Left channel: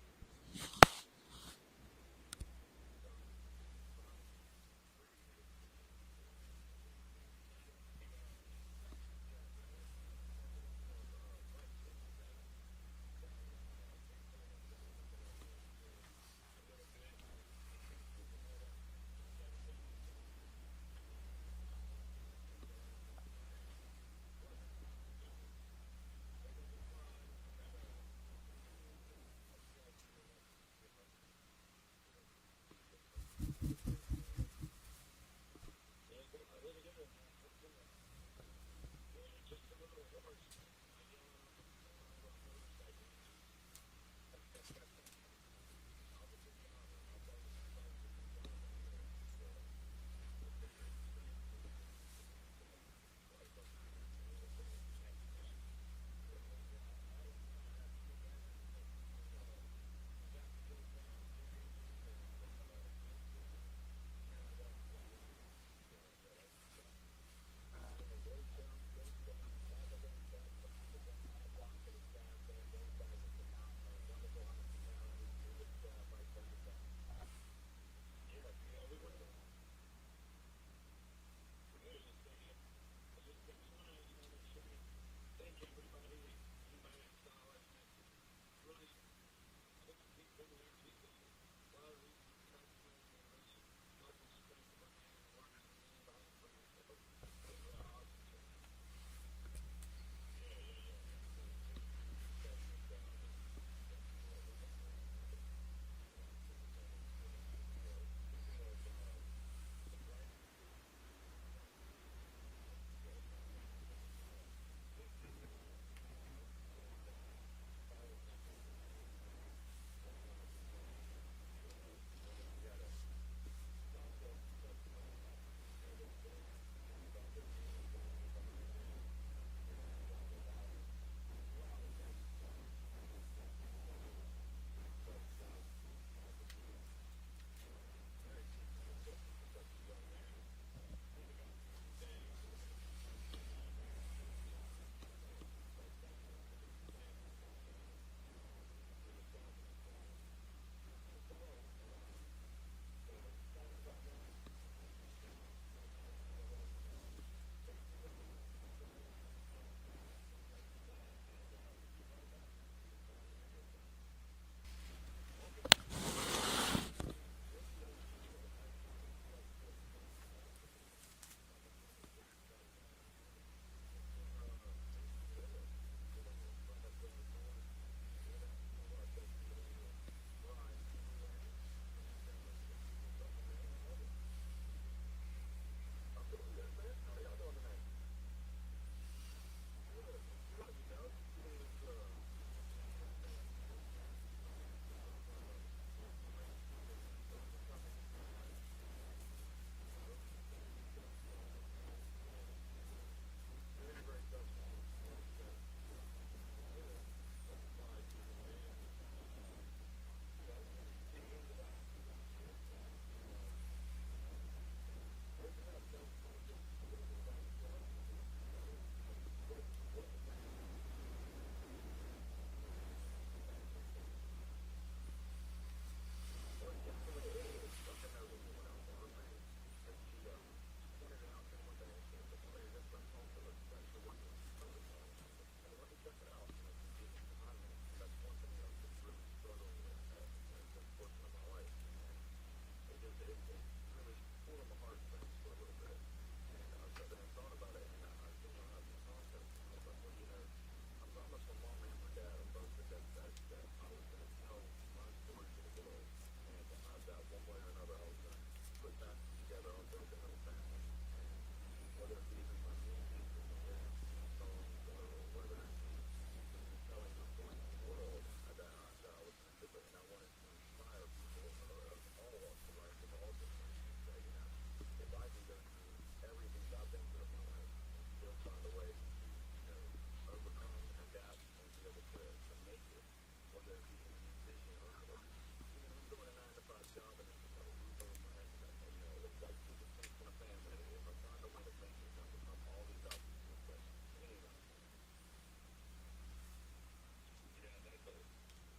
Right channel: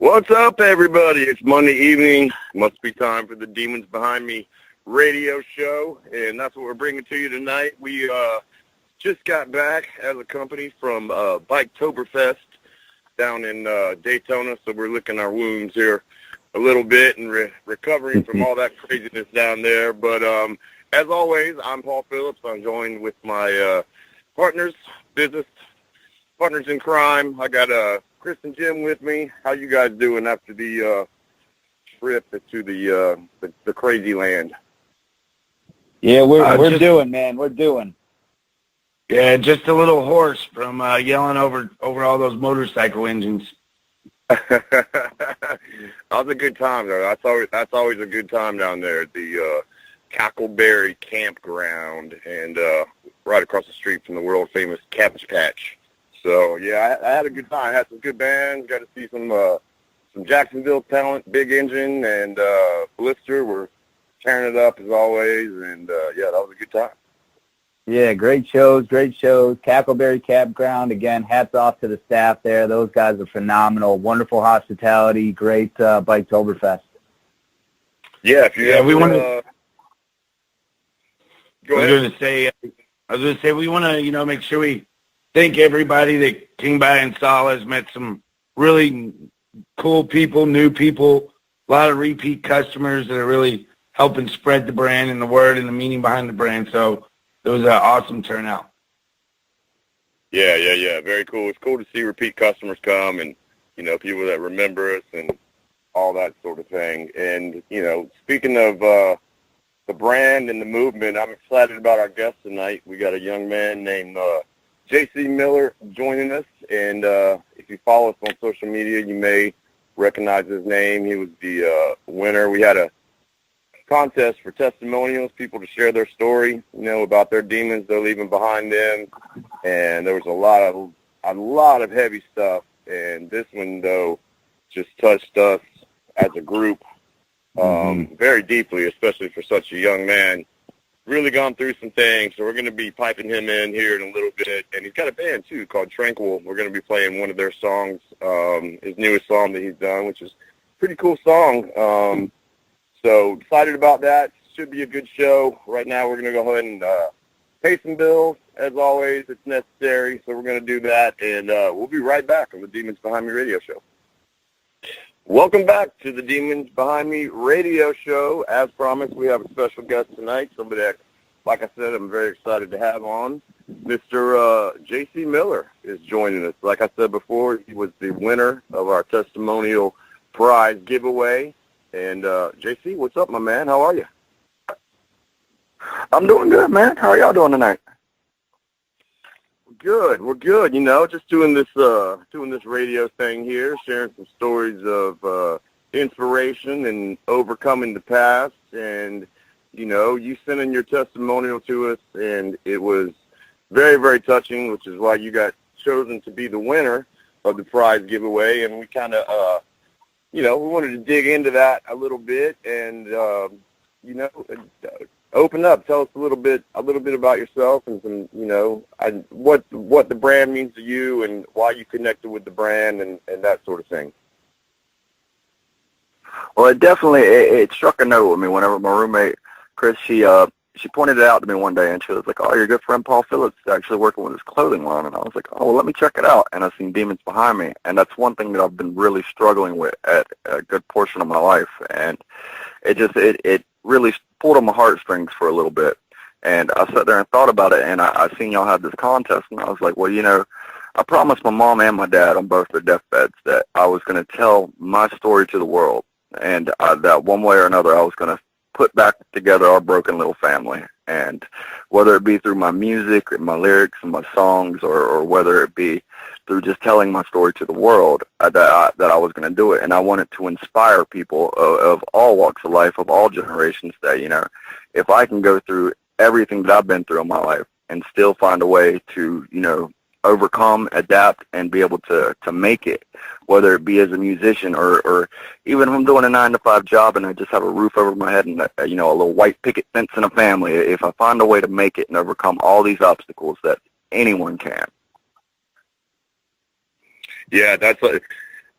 What's up, everybody? It's Monday evening. Must be time for the Demons Behind Me radio show, and that's what we're bringing to you tonight. We just got back as a company from Biketoberfest down in Daytona, so we're licking our wounds here a little bit and recovering from all that craziness down there. But as always, I'm Paul Phillips. I'm joined with my business partners in crime. I got Chris and Jim with me. How you guys doing after the trip to the crazy land? Yeah, we're doing, man. We're doing. Yeah, just a little hoarse from yelling over all those motorcycle engines. That was a good time, though. That's always a good time down there at the Cackleberry Campground, and right across the street from the world famous Cabbage Patch. So yeah, I had a good time. I had some good bands. Got to see some Jacksonville talent, Big Engine and Blister. We're tearing it up as always, and yeah, that was a good time. Yeah, great shows. Cackleberry Campground, again, hats off to the staff there. Those guys are phenomenal. Wonderful hospitality, great Biketoberfest. Yeah, if you we want to. Go ahead. I was going to say we want to, make sure we thank everybody that came by and saw us, met some really cool people, new people, a lot of repeat customers that are really helping spread the brand and the word and the meaning behind the brand. So it was an awesome turnout. Yeah. Very cool. It's cool to see repeat customers come and, people that remember us and all that sort of thing. And, speaking of the brand and the movement, I'm excited about our guest tonight. We got a young man named J.C. Miller joining us. And if you follow us on social media, you may recognize his name. He was the winner. We had a contest for testimonials, people to share their story, about their demons they're leaving behind them, and there was a lot of heavy stuff, and this one though just touched us as a group very deeply, especially for such a young man. Really gone through some things, so we're going to be piping him in here in a little bit, and he's got a band too called Tranquil. We're going to be playing one of their songs, his newest song that he's done, which is a pretty cool song. So excited about that. Should be a good show. Right now we're going to go ahead and pay some bills. As always, it's necessary, so we're going to do that. And we'll be right back on the Demons Behind Me radio show. Welcome back to the Demons Behind Me radio show. As promised, we have a special guest tonight, somebody that, like I said, I'm very excited to have on. Mr. J.C. Miller is joining us. Like I said before, he was the winner of our testimonial prize giveaway. And, JC, what's up, my man? How are you? I'm doing good, man. How are y'all doing tonight? We're good. Just doing this radio thing here, sharing some stories of inspiration and overcoming the past. And, you sent in your testimonial to us, and it was very, very touching, which is why you got chosen to be the winner of the prize giveaway. And we kind of, we wanted to dig into that a little bit and, open up. Tell us a little bit about yourself and some, what the brand means to you and why you connected with the brand and that sort of thing. Well, it struck a note with me whenever my roommate, Chris, she pointed it out to me one day, and she was like, "Oh, your good friend Paul Phillips is actually working with his clothing line." And I was like, "Oh, well, let me check it out." And I've seen Demons Behind Me, and that's one thing that I've been really struggling with at a good portion of my life. And it really pulled on my heartstrings for a little bit. And I sat there and thought about it, and I seen y'all had this contest, and I was like, well, I promised my mom and my dad on both their deathbeds that I was going to tell my story to the world, and that one way or another I was going to put back together our broken little family. And whether it be through my music and my lyrics and my songs, or whether it be through just telling my story to the world, that I was going to do it. And I wanted to inspire people of all walks of life, of all generations, that, if I can go through everything that I've been through in my life and still find a way to, overcome, adapt, and be able to make it, whether it be as a musician or even if I'm doing a 9-to-5 job and I just have a roof over my head and, a little white picket fence and a family, if I find a way to make it and overcome all these obstacles, that anyone can. Yeah,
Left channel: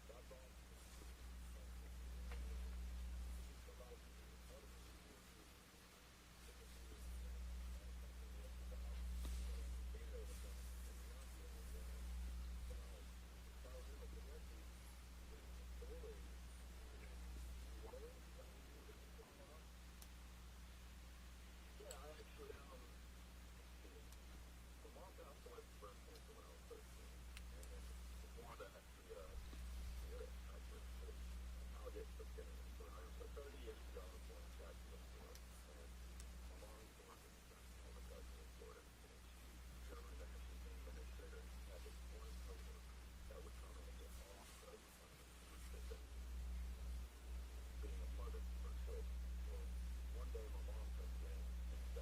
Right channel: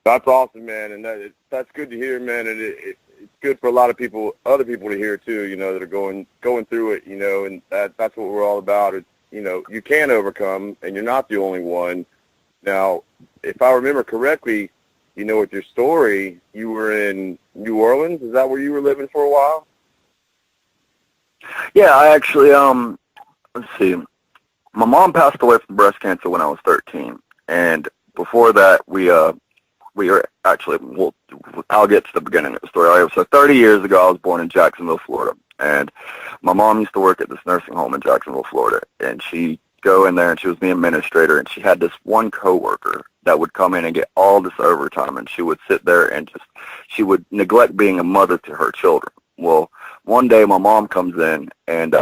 That's awesome, man, and that's good to hear, man. And it's good for a lot of people, other people to hear too. You know, that are going through it. You know, and that's what we're all about. It's, you know, you can overcome, and you're not the only one. Now, if I remember correctly, you know, with your story, you were in New Orleans. Is that where you were living for a while? Yeah, I actually, let's see. My mom passed away from breast cancer when I was 13, and before that, we were actually, well, I'll get to the beginning of the story. So 30 years ago, I was born in Jacksonville, Florida, and my mom used to work at this nursing home in Jacksonville, Florida, and she'd go in there, and she was the administrator, and she had this one coworker that would come in and get all this overtime, and she would sit there and she would neglect being a mother to her children. Well, one day my mom comes in, and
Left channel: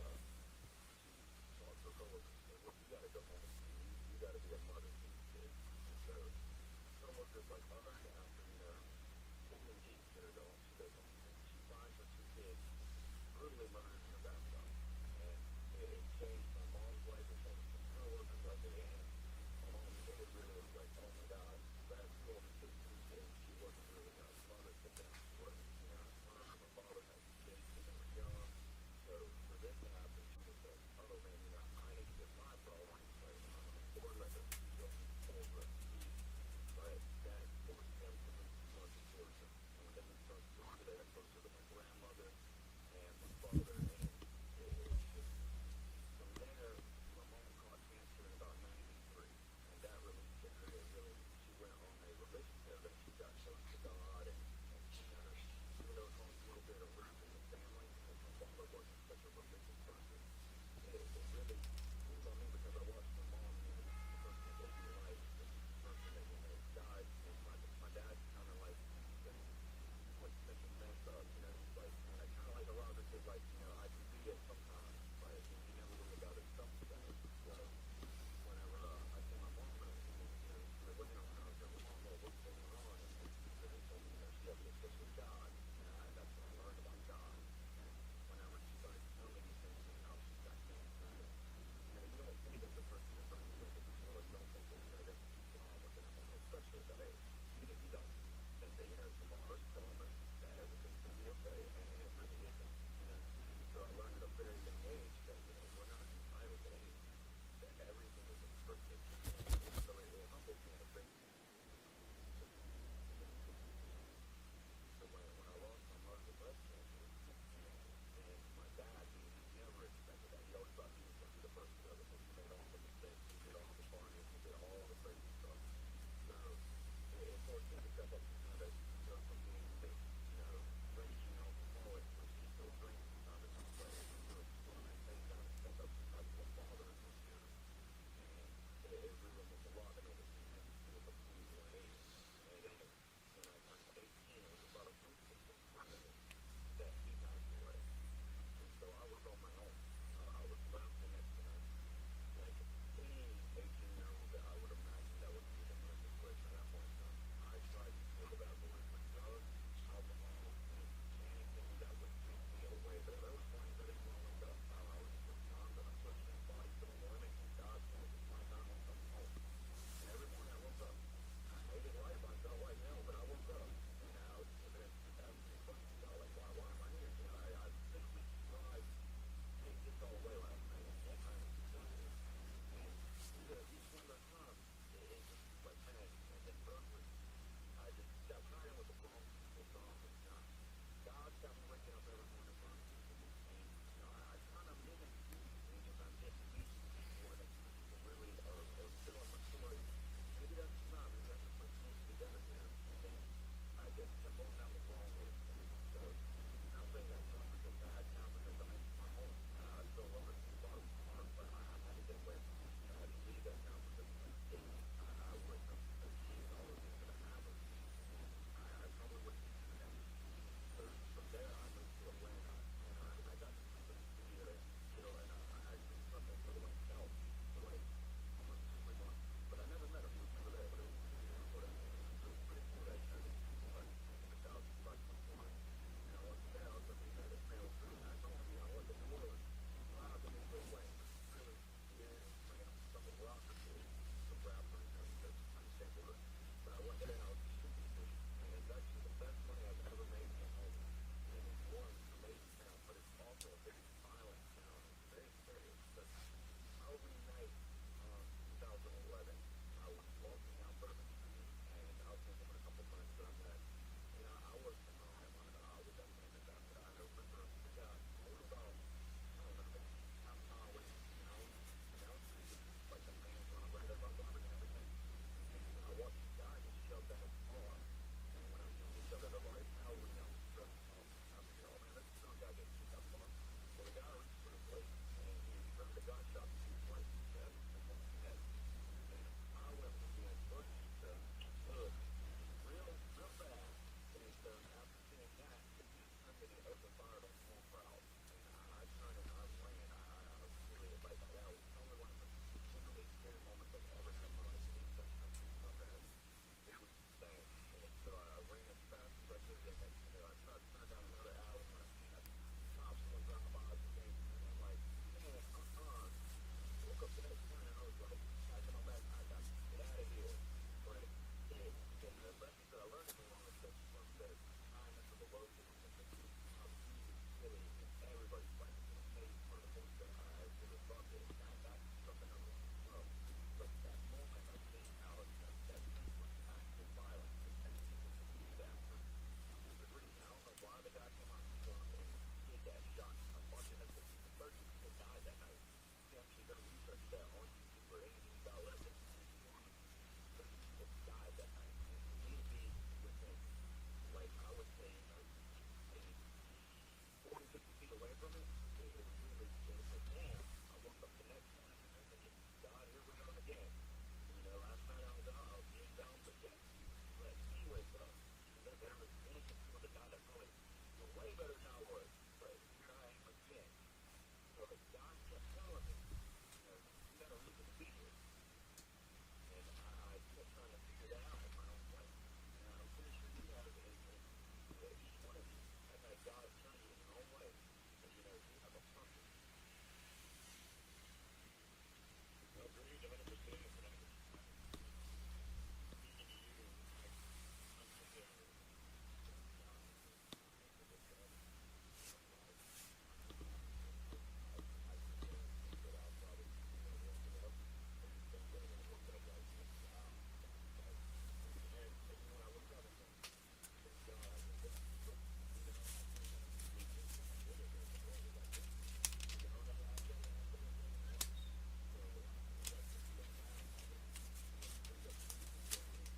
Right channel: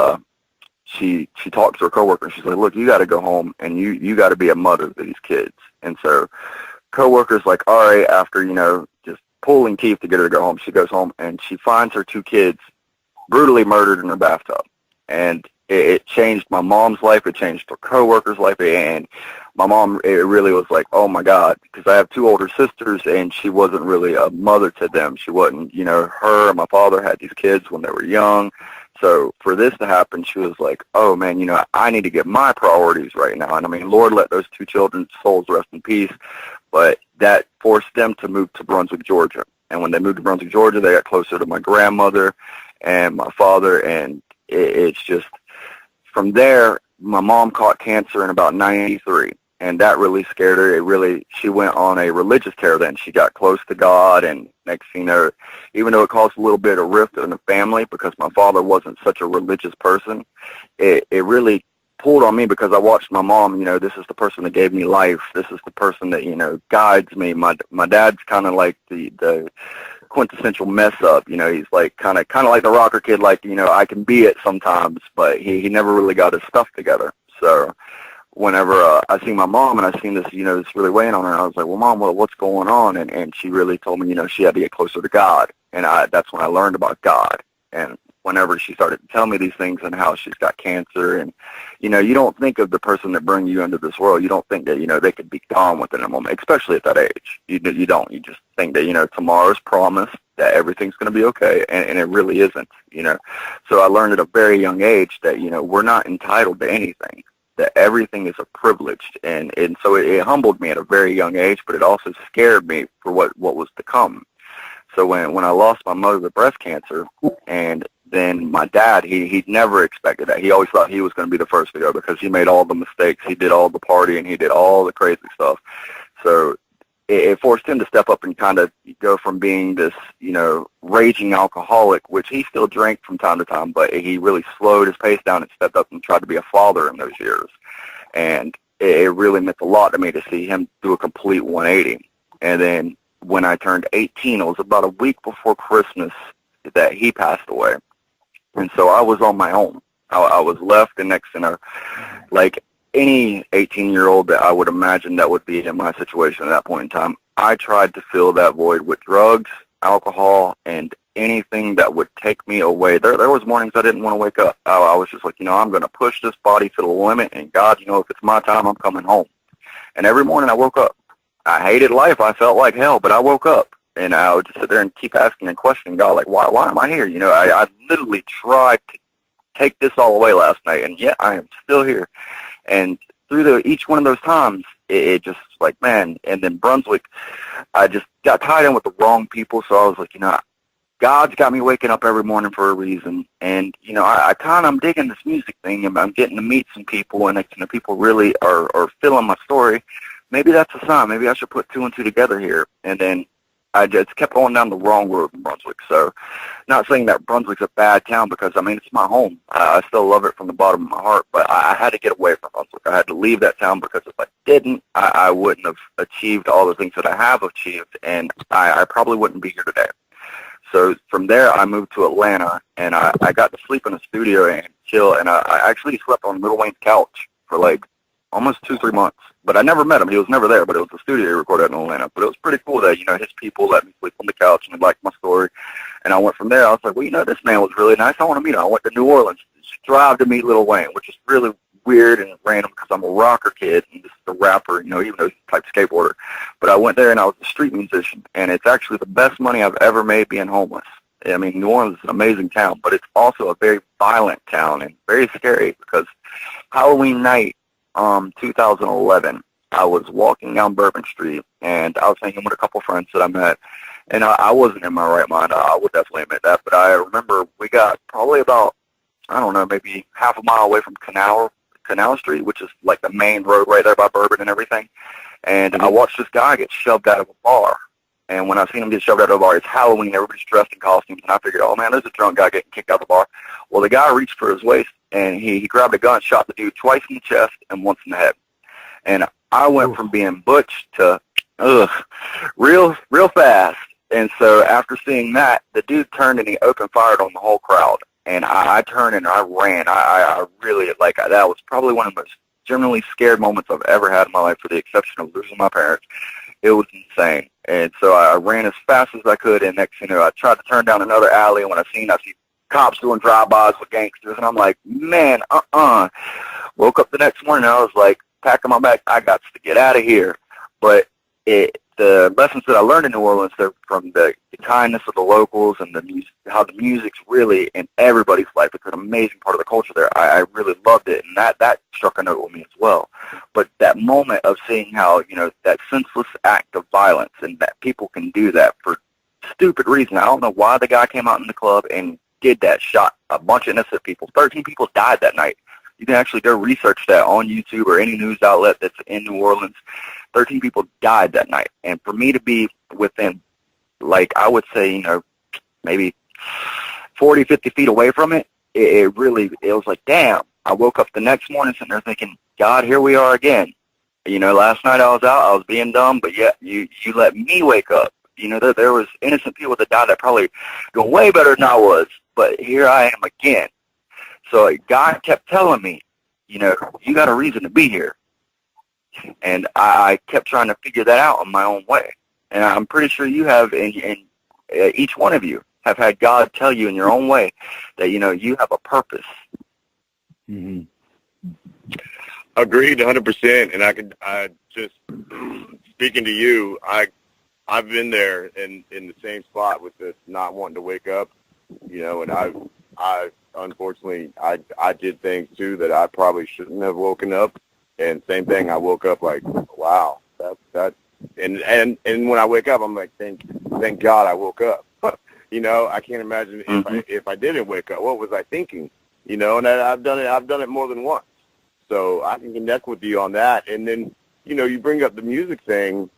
she talks to her coworker, and she's like, look, you got to go home, and you got to be a mother to these kids. And so coworker's like, all right, after, you know, just pulling teeth to get her to go home, she goes home, and she finds her two kids brutally murdered in her bathtub. And it changed my mom's life. It changed her coworker's life. And my mom, it really was like, oh, my God, because I have two older sisters, and she wasn't really a mother to them. She wasn't, you know, her and my father had these kids when they were young. So for this to happen, she was like, oh, man, you know, I need to get my priorities right now. And, I mean, Lord, let those two children's souls rest in peace. But that forced them to move to Brunswick, Georgia. And when they moved to Brunswick, Georgia, they got closer to my grandmother and my father. And it's just, from there, my mom caught cancer in about 93. And that really scared her. She went on a religious tear then. She got close to God. And next thing you know, even though it caused a little bit of rift in the family because my father wasn't such a religious person, it really pulled on me because I watched my mom, you know, this is the person that gave me life. This is the person that, you know, guides me. My dad's kind of like the quintessential mess up. You know, he's like kind of like the rocker kid, like, you know, I can be it sometimes, but he never really got his stuff together. So whenever I seen my mom and I seen this, you know, this really weighing on her, I was like, well, Mom, what's going on? And she really told me, you know, she had to get closer to God. And that's when I learned about God. And whenever she started to tell me these things and how she's got cancer, and, you know, you don't think of the person that brings you into this world. You don't think that, you know, they could be gone within a moment, especially at that age. You don't. You just think that, you know, tomorrow's promised, that everything's going to be okay, and it really isn't, you know. So I learned at a very young age that, you know, we're not entitled to anything, that everything is a privilege. And so it humbled me at a very young age, but it also scared me for what was to come. So when I lost my mother to breast cancer, and then my dad, he never expected that. He always thought he was going to be the first to go because he made all the mistakes. He did all the partying. He did all the crazy stuff. So it forced him to step up and kind of go from being this, you know, raging alcoholic, which he still drank from time to time, but he really slowed his pace down and stepped up and tried to be a father in those years. And it really meant a lot to me to see him do a complete 180. And then when I turned 18, it was about a week before Christmas that he passed away. And so I was on my own. I was left, and next to like any 18-year-old that I would imagine that would be in my situation at that point in time, I tried to fill that void with drugs, alcohol, and anything that would take me away. There was mornings I didn't want to wake up. I was just like, you know, I'm going to push this body to the limit, and God, you know, if it's my time, I'm coming home. And every morning I woke up. I hated life. I felt like hell, but I woke up. And I would just sit there and keep asking and questioning God, like, why am I here? You know, I literally tried to take this all away last night, and yet I am still here. And through each one of those times, it just like, man, and then Brunswick, I just got tied in with the wrong people, so I was like, you know, God's got me waking up every morning for a reason. And, you know, I'm digging this music thing, and I'm getting to meet some people, and you know, people really are feeling my story. Maybe that's a sign. Maybe I should put two and two together here. And then I just kept going down the wrong road in Brunswick. So not saying that Brunswick's a bad town, because, I mean, it's my home. I still love it from the bottom of my heart, but I had to get away from Brunswick. I had to leave that town, because if I didn't, I wouldn't have achieved all the things that I have achieved, and I probably wouldn't be here today. So from there, I moved to Atlanta, and I got to sleep in a studio and chill, and I actually slept on Lil Wayne's couch for like almost 2-3 months. But I never met him. He was never there, but it was the studio he recorded in Atlanta. But it was pretty cool that, you know, his people let me sleep on the couch, and they liked my story. And I went from there. I was like, well, you know, this man was really nice. I want to meet him. I went to New Orleans to drive to meet Lil Wayne, which is really weird and random because I'm a rocker kid and just a rapper, you know, even though he's a type skateboarder. But I went there and I was a street musician, and it's actually the best money I've ever made being homeless. I mean, New Orleans is an amazing town, but it's also a very violent town and very scary because Halloween night, 2011, I was walking down Bourbon Street, and I was hanging with a couple friends that I met, and I wasn't in my right mind. I would definitely admit that, but I remember we got probably about, I don't know, maybe half a mile away from Canal Street, which is like the main road right there by Bourbon and everything, and I watched this guy get shoved out of a bar. And when I seen him get shoved out of the bar, it's Halloween, everybody's dressed in costumes, and I figured, oh, man, there's a drunk guy getting kicked out of the bar. Well, the guy reached for his waist, and he grabbed a gun, shot the dude twice in the chest and once in the head. And I went from being butch to, real fast. And so after seeing that, the dude turned and he opened fired on the whole crowd. And I turned and I ran. I really, that was probably one of the most genuinely scared moments I've ever had in my life, for the exception of losing my parents. It was insane. And so I ran as fast as I could, and next thing you know, I tried to turn down another alley, and when I see cops doing drive-bys with gangsters, and I'm like, man, Woke up the next morning, and I was like, packing my bag, I got to get out of here. But the lessons that I learned in New Orleans, they're from the kindness of the locals and the music, how the music's really in everybody's life. It's an amazing part of the culture there. I really loved it, and that struck a note with me as well. But that moment of seeing how, you know, that senseless act of violence, and that people can do that for stupid reasons. I don't know why the guy came out in the club and did that, shot a bunch of innocent people. 13 people died that night. You can actually go research that on YouTube or any news outlet that's in New Orleans. 13 people died that night. And for me to be within, like, I would say, you know, maybe 40, 50 feet away from it, it was like, damn. I woke up the next morning sitting there thinking, God, here we are again. You know, last night I was out, I was being dumb, but yet you let me wake up. You know, there was innocent people that died that probably doing way better than I was, but here I am again. So God kept telling me, you know, you got a reason to be here. And I kept trying to figure that out in my own way. And I'm pretty sure you have, and each one of you have had God tell you in your own way that, you know, you have a purpose. Mm-hmm. Agreed, 100%. And I just speaking to you, I've been there in the same spot with this not wanting to wake up, you know, and I unfortunately I did things too that I probably shouldn't have woken up. And same thing, I woke up like, wow, that and when I wake up, I'm like, thank God I woke up. You know, I can't imagine if I didn't wake up, what was I thinking? You know, and I've done it more than once. So I can connect with you on that. And then, you know, you bring up the music thing,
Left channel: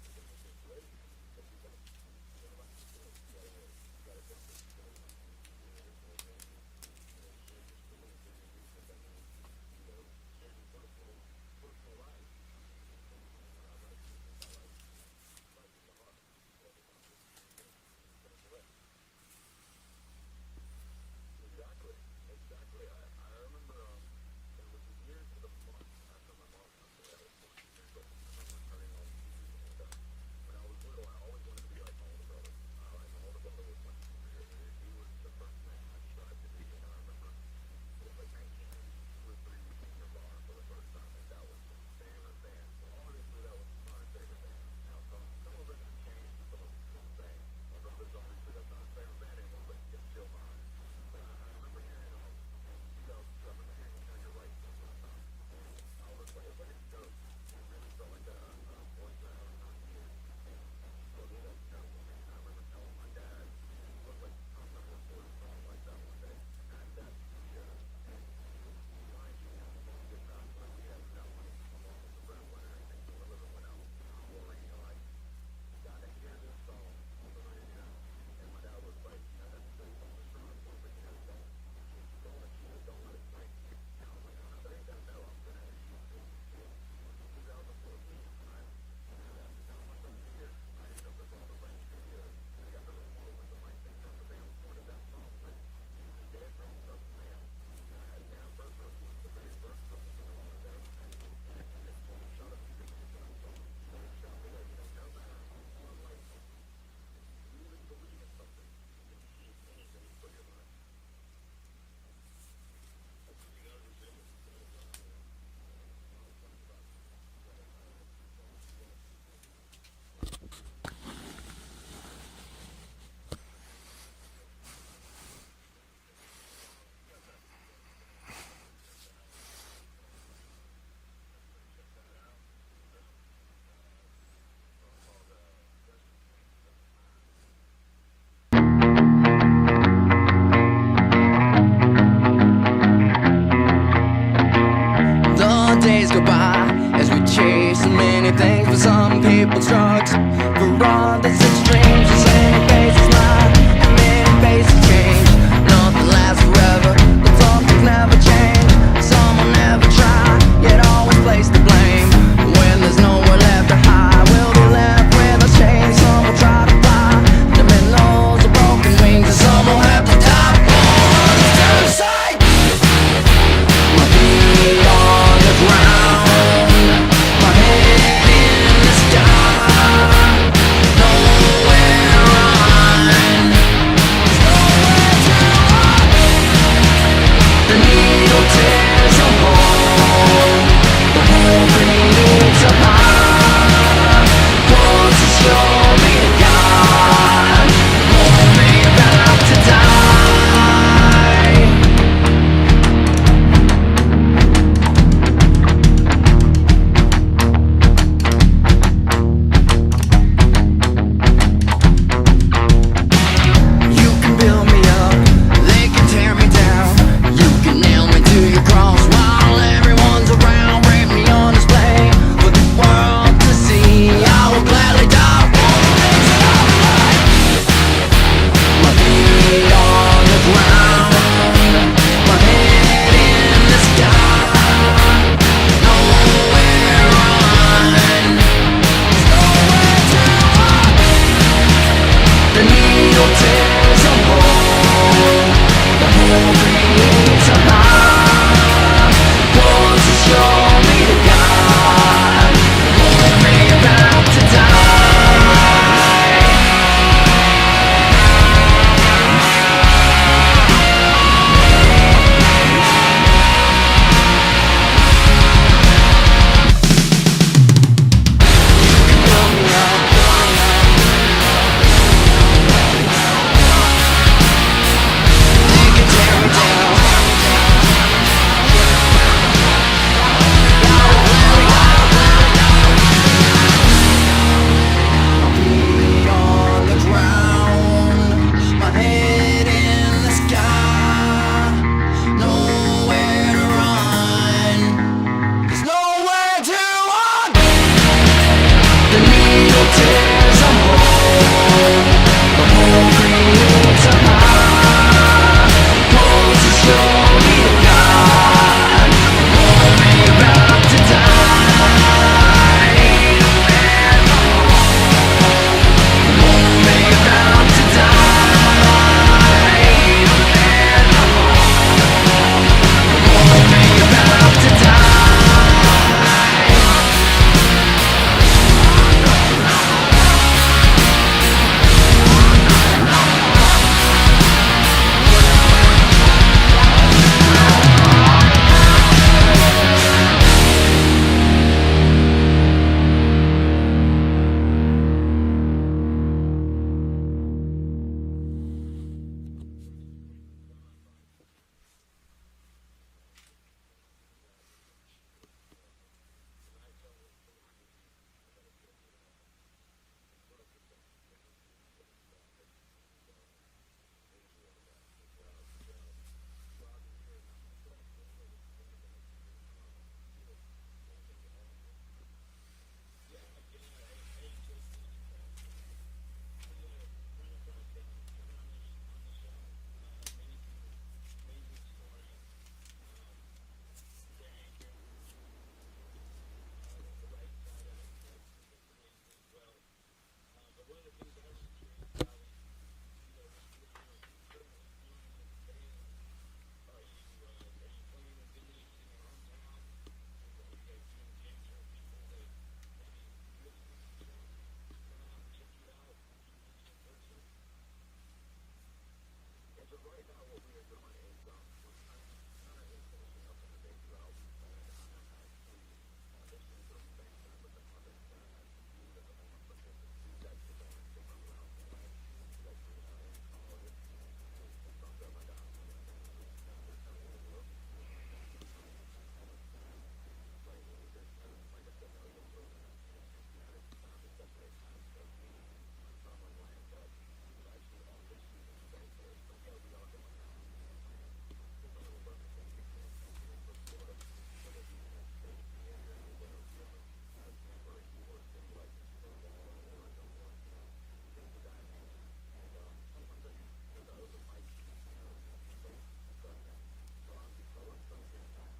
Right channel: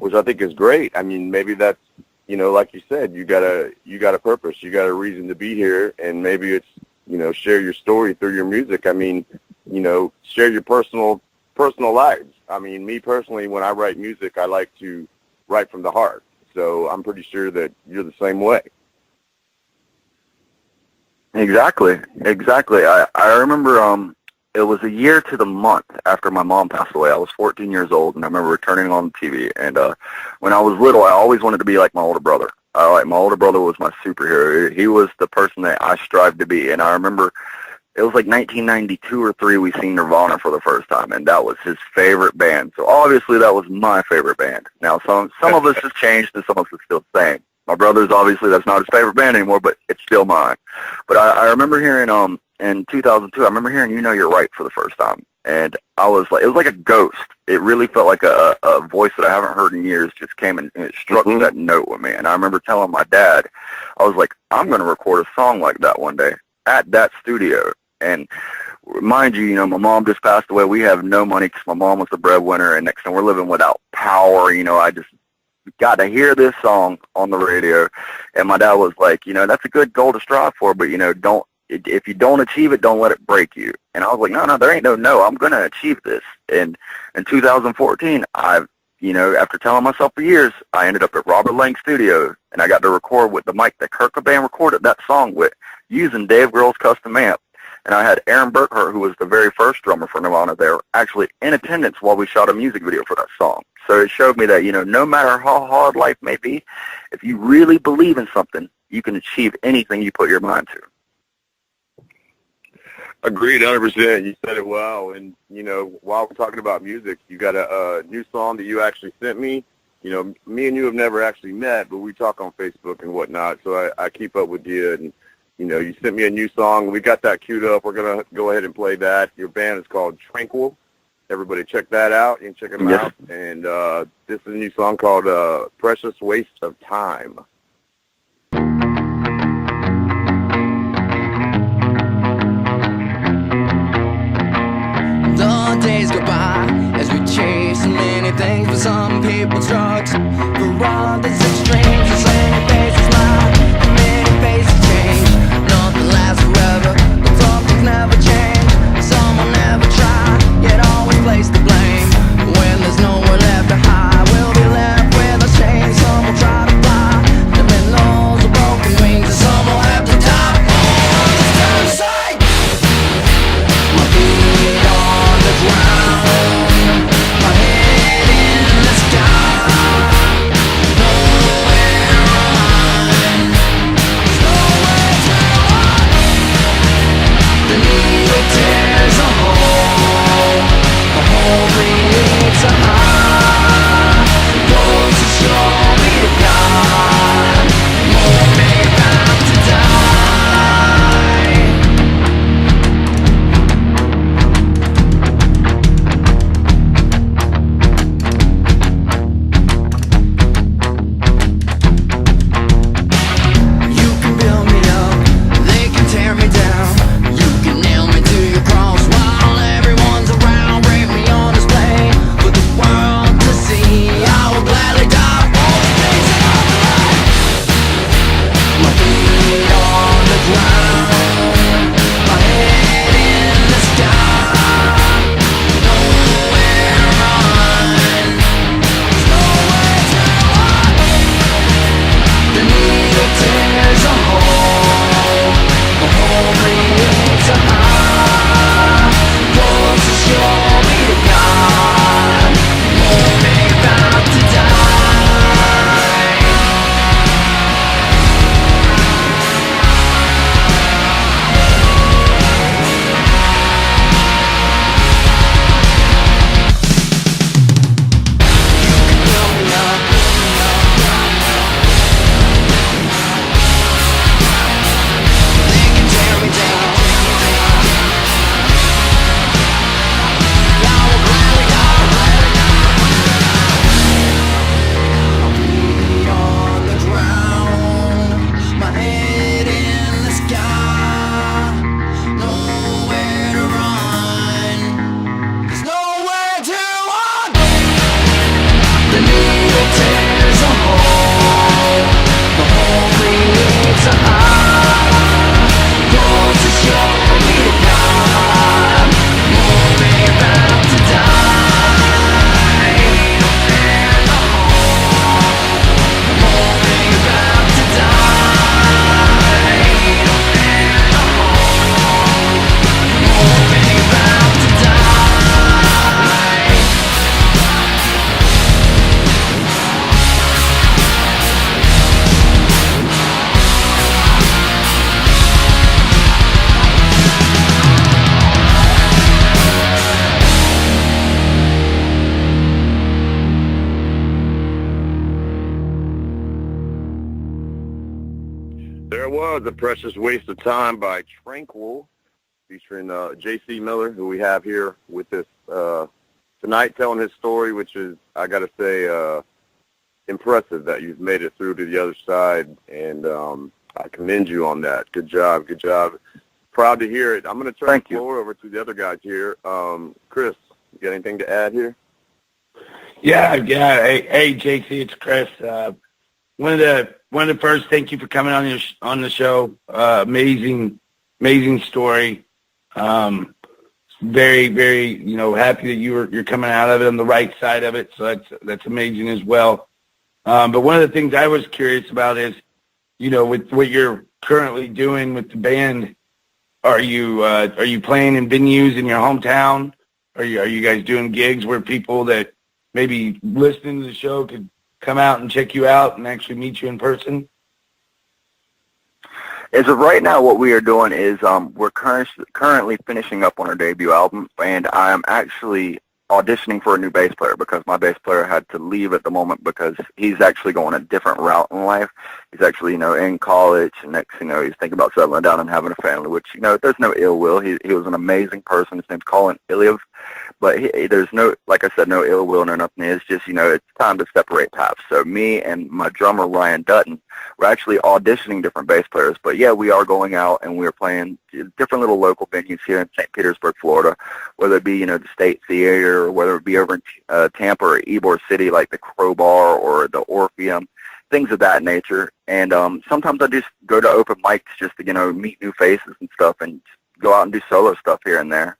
which I think is great. I mean, maybe that's, you know, like you said, you got a purpose, you got a reason to be here, and maybe it's, you know, share your story through your music. I mean, you know, share your personal lives. I mean, me personally, when I write music, I like to write from the heart. So I'm pretty sure that you're the same way. Exactly. I remember it was a year to the month after my mom passed away. I was 14 years old, and I remember turning on the TV. And when I was little, I always wanted to be like my older brother. My older brother was my superhero. He was the person that I strived to be. And I remember it was like 1992 or 3 we seen Nirvana for the first time, and that was his favorite band. So obviously that was my favorite band. Now some of us has changed, and some of us is still the same. My brother's obviously that's not his favorite band anymore, but it's still mine. But I remember hearing in 2002, I remember hearing "You Know You're Right" for the first time, and I was like, it was like a ghost. It really felt like a voice that I haven't heard in years just came and it struck that note with me. And I remember telling my dad, I was like, I'm going to record a song like that one day at that studio. And mind you, you know, my mom just passed away. We have no money because my mom was the breadwinner, and next time we're living without power. You know, I just got to hear this song on the radio, and my dad was like, you know, that's a good goal to strive for, but, you know, if you don't achieve it, don't let it break you. And I was like, no, there ain't no, I'm going to achieve this. And in 2014, you know, after telling myself for years, I ended up at Robert Lang Studio, and I got to record with the mic that Kurt Cobain recorded that song with, using Dave Grohl's custom amp. And I had Aaron Burkhart, who was the very first drummer for Nirvana there, actually in attendance while we shot a music video for that song. So it showed me that, you know, no matter how hard life may be, if you really believe in something, you can achieve anything you put your mind to. Agreed, 100%. You said it well. And, you know, while we're talking about music, you got a new song that you actually sent me. You know, me and you have never actually met, but we talk on Facebook and whatnot, so I keep up with you. And, you know, you sent me a new song. We got that queued up. We're going to go ahead and play that. Your band is called Tranquil. Everybody check that out. You can check them out. And this is a new song called Precious Waste of Time. The days go by as we chase so many things. For some people drugs, for others it's dreams. As many faces lie, and many faces change. Nothing lasts forever, but some things never change. Some will never try, yet always place the blame. When there's nowhere left to hide, we'll be left with our chains. Some will try to fly, the minnows of broken wings. And some will have to die for others to decide. My feet on the ground, my head in the sky. Nowhere to run, there's nowhere to run. The needle tears a hole, the hole creates a high. Pulls to show me to God, more me about to die. You can build me up, they can tear me down. You can nail me to your cross while everyone's around. Break me on display for the world to see. I will gladly die for the things that I believe. My feet on the ground, my head in the sky. Nowhere to run, there's nowhere to run. The needle tears a hole, the hole creates a high. Pulls to show me to God, more me about to die. You can build me up, they can tear me down. I will gladly die. My feet on the ground, my head in the sky. Nowhere to run, there's nowhere to run. The needle tears a hole, the hole creates a high. Pulls to show me to God, more me about to die. And the hole, more me about to die. And the hole, more me about to die. There it was, A Precious Waste of Time by Tranquil, featuring J.C. Miller, who we have here with us tonight, telling his story, which is, I got to say, impressive that you've made it through to the other side, and I commend you on that. Good job, good job. Proud to hear it. I'm going to turn the floor over to the other guys here. Chris, you got anything to add here? Yeah. Hey, JC, it's Chris. One of the first, thank you for coming on the show. Amazing story. Very, very, happy that you're coming out of it on the right side of it. So that's amazing as well. But one of the things I was curious about is, with what you're currently doing with the band, are you playing in venues in your hometown? Are you guys doing gigs where people that maybe listening to the show could come out and check you out and actually meet you in person? As of right now, what we are doing is we're currently finishing up on our debut album, and I'm actually auditioning for a new bass player because my bass player had to leave at the moment because he's actually going a different route in life. He's actually, in college, and next, he's thinking about settling down and having a family, which, there's no ill will. He was an amazing person. His name's Colin Iliev. But there's no, like I said, no ill will or nothing. It's just, it's time to separate paths. So me and my drummer, Ryan Dutton, we're actually auditioning different bass players. But, yeah, we are going out and we're playing different little local venues here in St. Petersburg, Florida, whether it be, the State Theater or whether it be over in Tampa or Ybor City like the Crowbar or the Orpheum, things of that nature. And sometimes I just go to open mics just to, meet new faces and stuff and go out and do solo stuff here and there.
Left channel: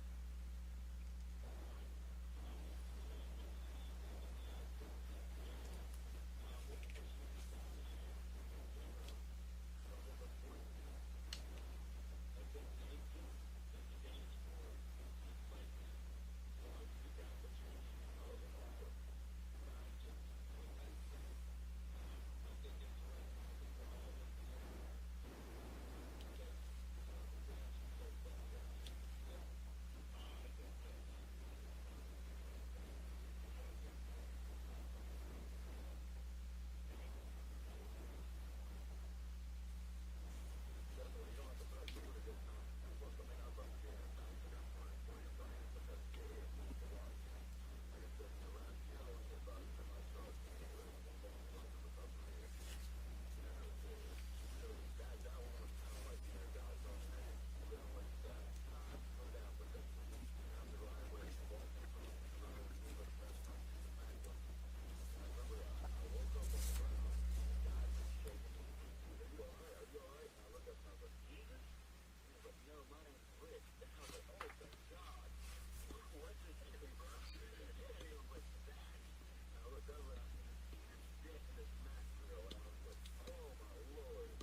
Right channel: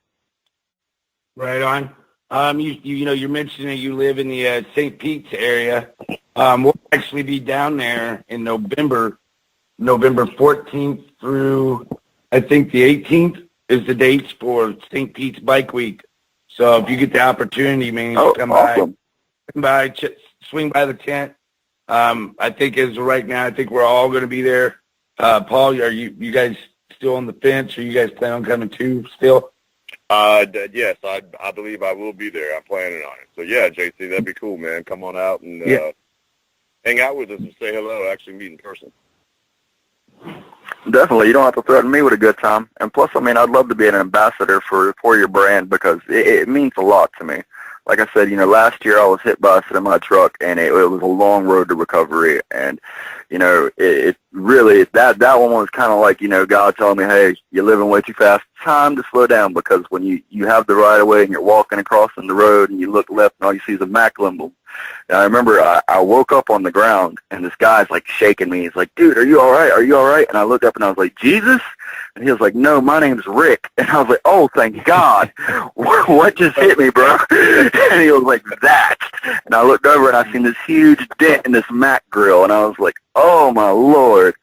Right on. You're mentioning you live in the St. Pete's area. We'll actually be down there in November 14th through, I think, the 18th is the dates for St. Pete's Bike Week. So if you get the opportunity, man, come awesome. Swing by the tent. I think as of right now, I think we're all going to be there. Paul, are you guys still on the fence, or you guys plan on coming too still? Yes, I believe I will be there. I'm planning on it. So, yeah, JC, that'd be cool, man. Come on out and hang out with us and say hello, actually meet in person. Definitely. You don't have to threaten me with a good time. And plus, I'd love to be an ambassador for your brand because it means a lot to me. Like I said, last year I was hit by a semi-truck, and it was a long road to recovery. And, it really, that one was kind of like, God telling me, hey, you're living way too fast. Time to slow down, because when you have the right of way and you're walking across the road and you look left and all you see is a Mac emblem. And I remember I woke up on the ground and this guy's like shaking me. He's like, dude, are you all right? Are you all right? And I looked up and I was like, Jesus? And he was like, no, my name's Rick. And I was like, oh, thank God. What just hit me, bro? And he was like, that. And I looked over and I seen this huge dent in this Mac grill. And I was like, oh, my Lord.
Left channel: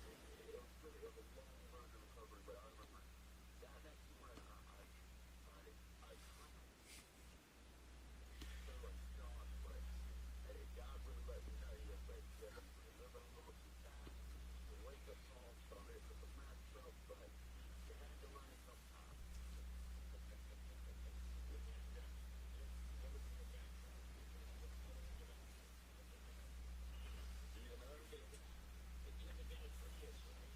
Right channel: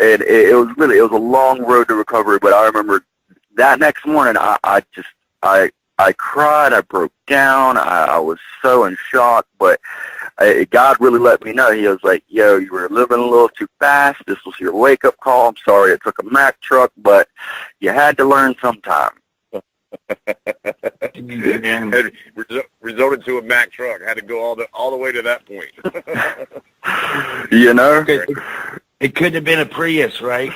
And it was a long road to recovery. But I remember that next morning, I cried. I broke down. I was so in shock. But God really let me know. He was like, yo, you were living a little too fast. This was your wake-up call. I'm sorry it took a Mack truck, but you had to learn sometime. And resorted to a Mack truck. Had to go all the way to that point. It could have been a Prius, right?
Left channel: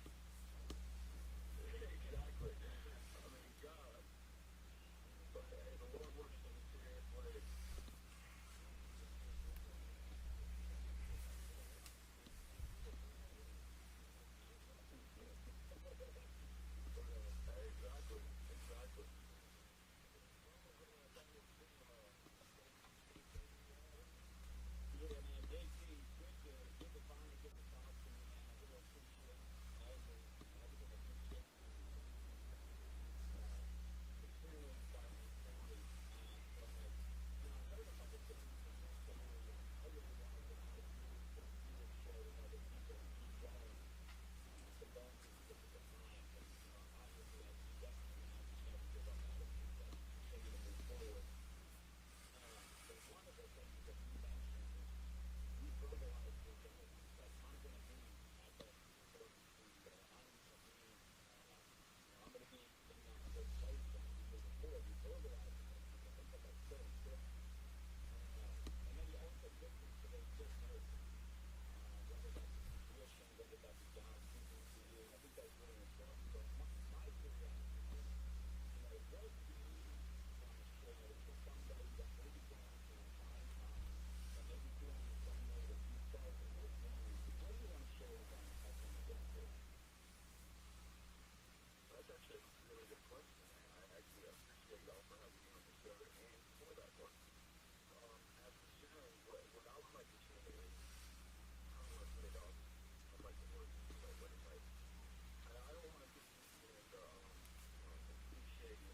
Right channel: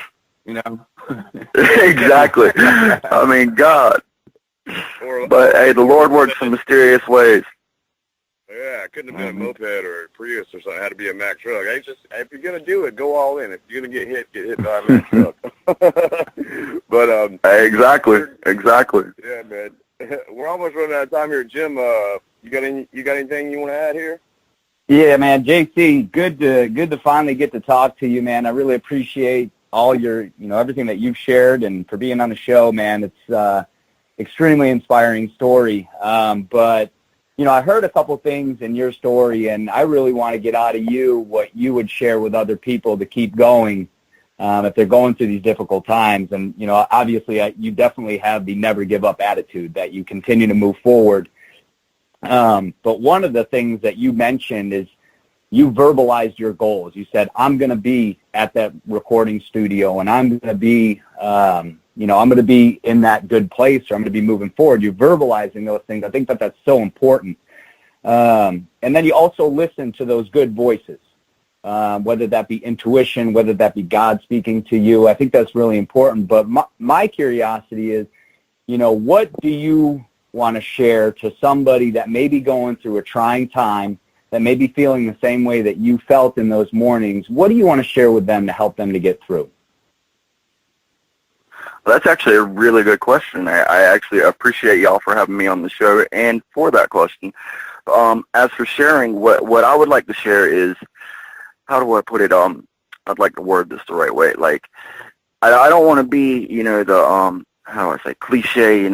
Exactly. God. But, hey, the Lord works in mysterious ways. Yeah, it couldn't have been a moped or a Prius or something. It had to be a Mack truck. Hey, if you're going to do it, go all in. If you're going to get hit by a Mack truck. But Exactly. Yeah, man. We're almost running out of time here. Jim, you got anything you want to add here? Yeah, man. JC, good to finally get to talk to you, man. I really appreciate all your, everything that you've shared and for being on the show, man. It's extremely inspiring story. But I heard a couple things in your story, and I really want to get out of you what you would share with other people to keep going if they're going through these difficult times. And, obviously you definitely have the never give up attitude that you continue to move forward. But one of the things that you mentioned is you verbalized your goals. You said, I'm going to be at that recording studio, and I'm going to be I'm going to be in that good place, or I'm going to be moving forward. You're verbalizing those things. I think that that's so important. And then you also listen to those good voices, whether that be intuition, whether that be God speaking to you. I think that's really important. But my curiosity is, what do you want to share to somebody that may be going through a trying time, that may be feeling the same way that you felt in those mornings? What do you want to share with them to help them to get through? Well, that's actually a really good question. I actually appreciate y'all for having me on the show and for that question. As for sharing, what I would like to share is, how do I put it? I'd like to word this the right way. Like, I don't want to be, the, how do I say, cliche,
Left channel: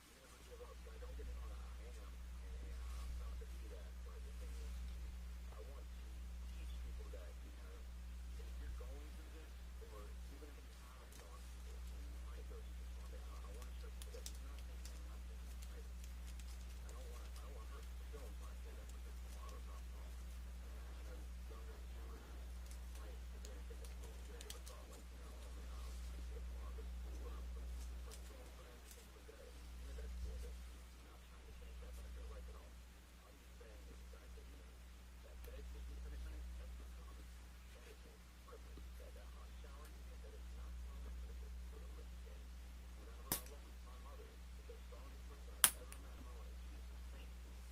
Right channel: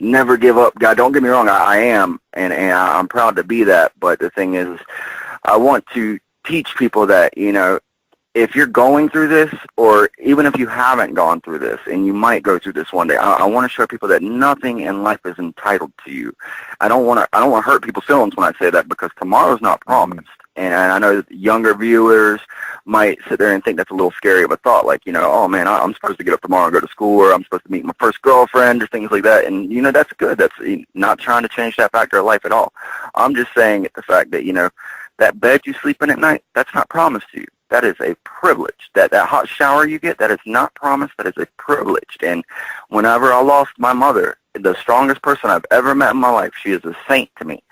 never give up guy. Don't get me wrong, I am, and I'm proud to be that. But the thing is, I want to teach people that, if you're going through this, or even if you haven't gone through this, and you might go through this one day, I want to show people that nothing in life is entitled to you. I don't want to hurt people's feelings when I say that, because tomorrow's not promised. And I know that younger viewers, might sit there and think that's a little scary of a thought, like, you know, oh man, I'm supposed to get up tomorrow and go to school, or I'm supposed to meet my first girlfriend, or things like that. And, you know, that's good. That's not trying to change that factor of life at all. I'm just saying the fact that, you know, that bed you sleep in at night, that's not promised to you. That is a privilege. That hot shower you get, that is not promised. That is a privilege. And whenever I lost my mother, the strongest person I've ever met in my life, she is a saint to me.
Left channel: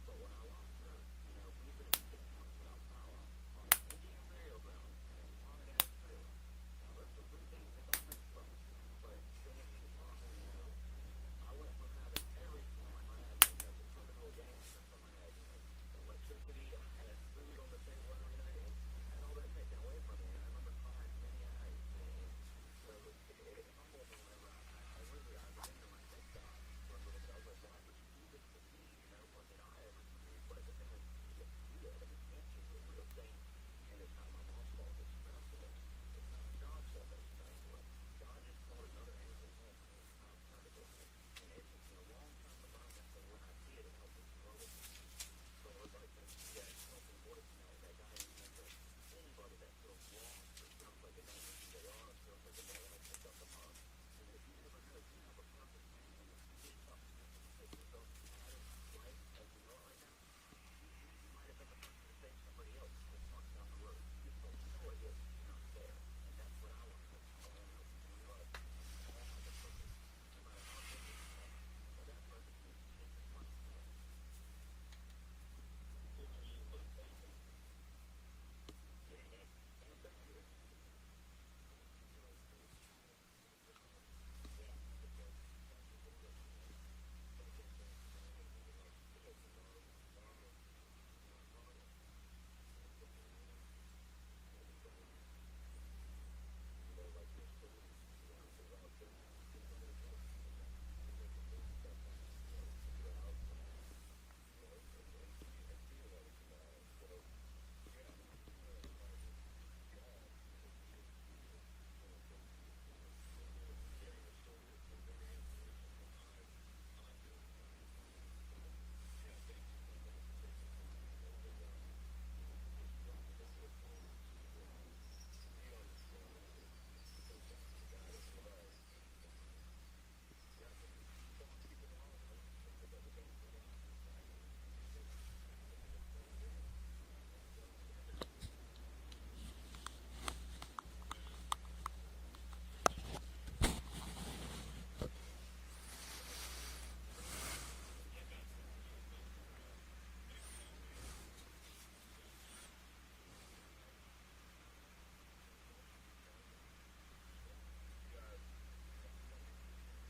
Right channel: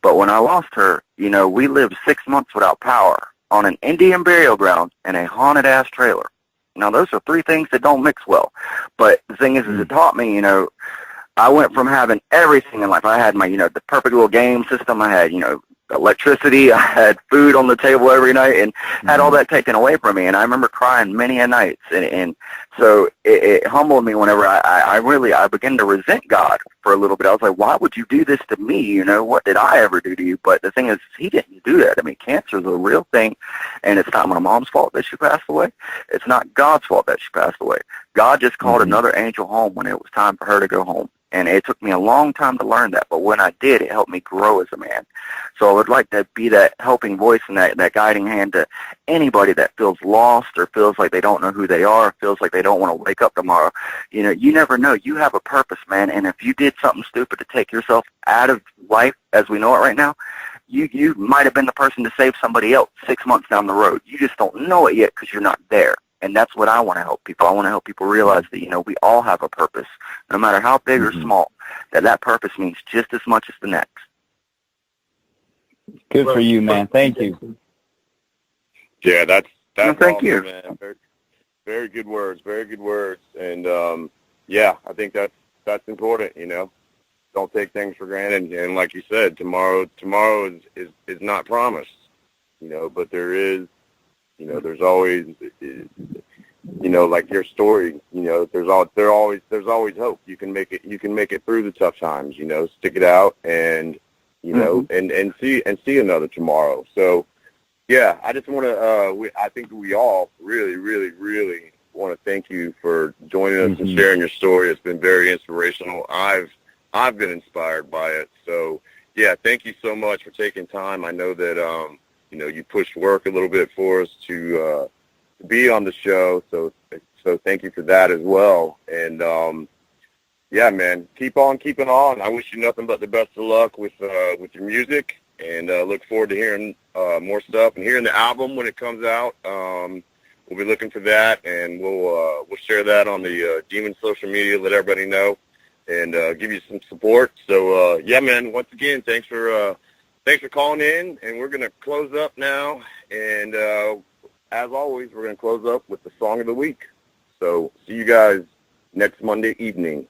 But when I lost her, you know, we lived 6 months without power on an Indian burial ground in a haunted-ass trailer. Now, those are three things that don't mix well. But the thing is it taught me, you know, I went from having everything in life. I had my, you know, the perfect little game system. I had, you know, electricity. I had food on the table every night, and had all that taken away from me. And I remember crying many a nights. And so it humbled me whenever I began to resent God for a little bit. I was like, why would you do this to me? You know, what did I ever do to you? But the thing is, he didn't do that. I mean, cancer is a real thing, and it's not my mom's fault that she passed away. It's not God's fault that she passed away. God just called another angel home when it was time for her to go home. And it took me a long time to learn that, but when I did, it helped me grow as a man. So I would like to be that helping voice and that guiding hand to anybody that feels lost, or feels like they don't know who they are, or feels like they don't want to wake up tomorrow. You know, you never know. You have a purpose, man, and if you did something stupid to take yourself out of life as we know it right now, you might have been the person to save somebody else 6 months down the road. You just don't know it yet because you're not there. And that's what I want to help people. I want to help people realize that, you know, we all have a purpose, no matter how big or small, that purpose means just as much as the next. Good for you, man. Thank you. Yeah, that's thank awesome, you. man. Very good words. Very good words. And yeah, I think that's important. You know, don't take things for granted. And like you said, tomorrow is not promised. You know, but there is. You know, there's always, you know, like your story. You know, there's always hope. You can make it through the tough times. You know, stick it out, and you know, and see another tomorrow. So, yeah, I just want to. I think we all really, really, really want to thank you for joining us and sharing your story. It's been very inspirational. I've been inspired by it. So, yeah, thank you so much for taking time. I know that you know, you pushed work a little bit for us to be on the show, so thank you for that as well. And yeah, man, keep on keeping on. I wish you nothing but the best of luck with your music, and look forward to hearing more stuff and hearing the album when it comes out. We'll be looking for that, and we'll share that on the Demon social media. Let everybody know, and give you some support. So yeah, man. Once again, thanks for calling in, and we're going to close up now. And as always, we're going to close up with the song of the week. So see you guys next Monday evening.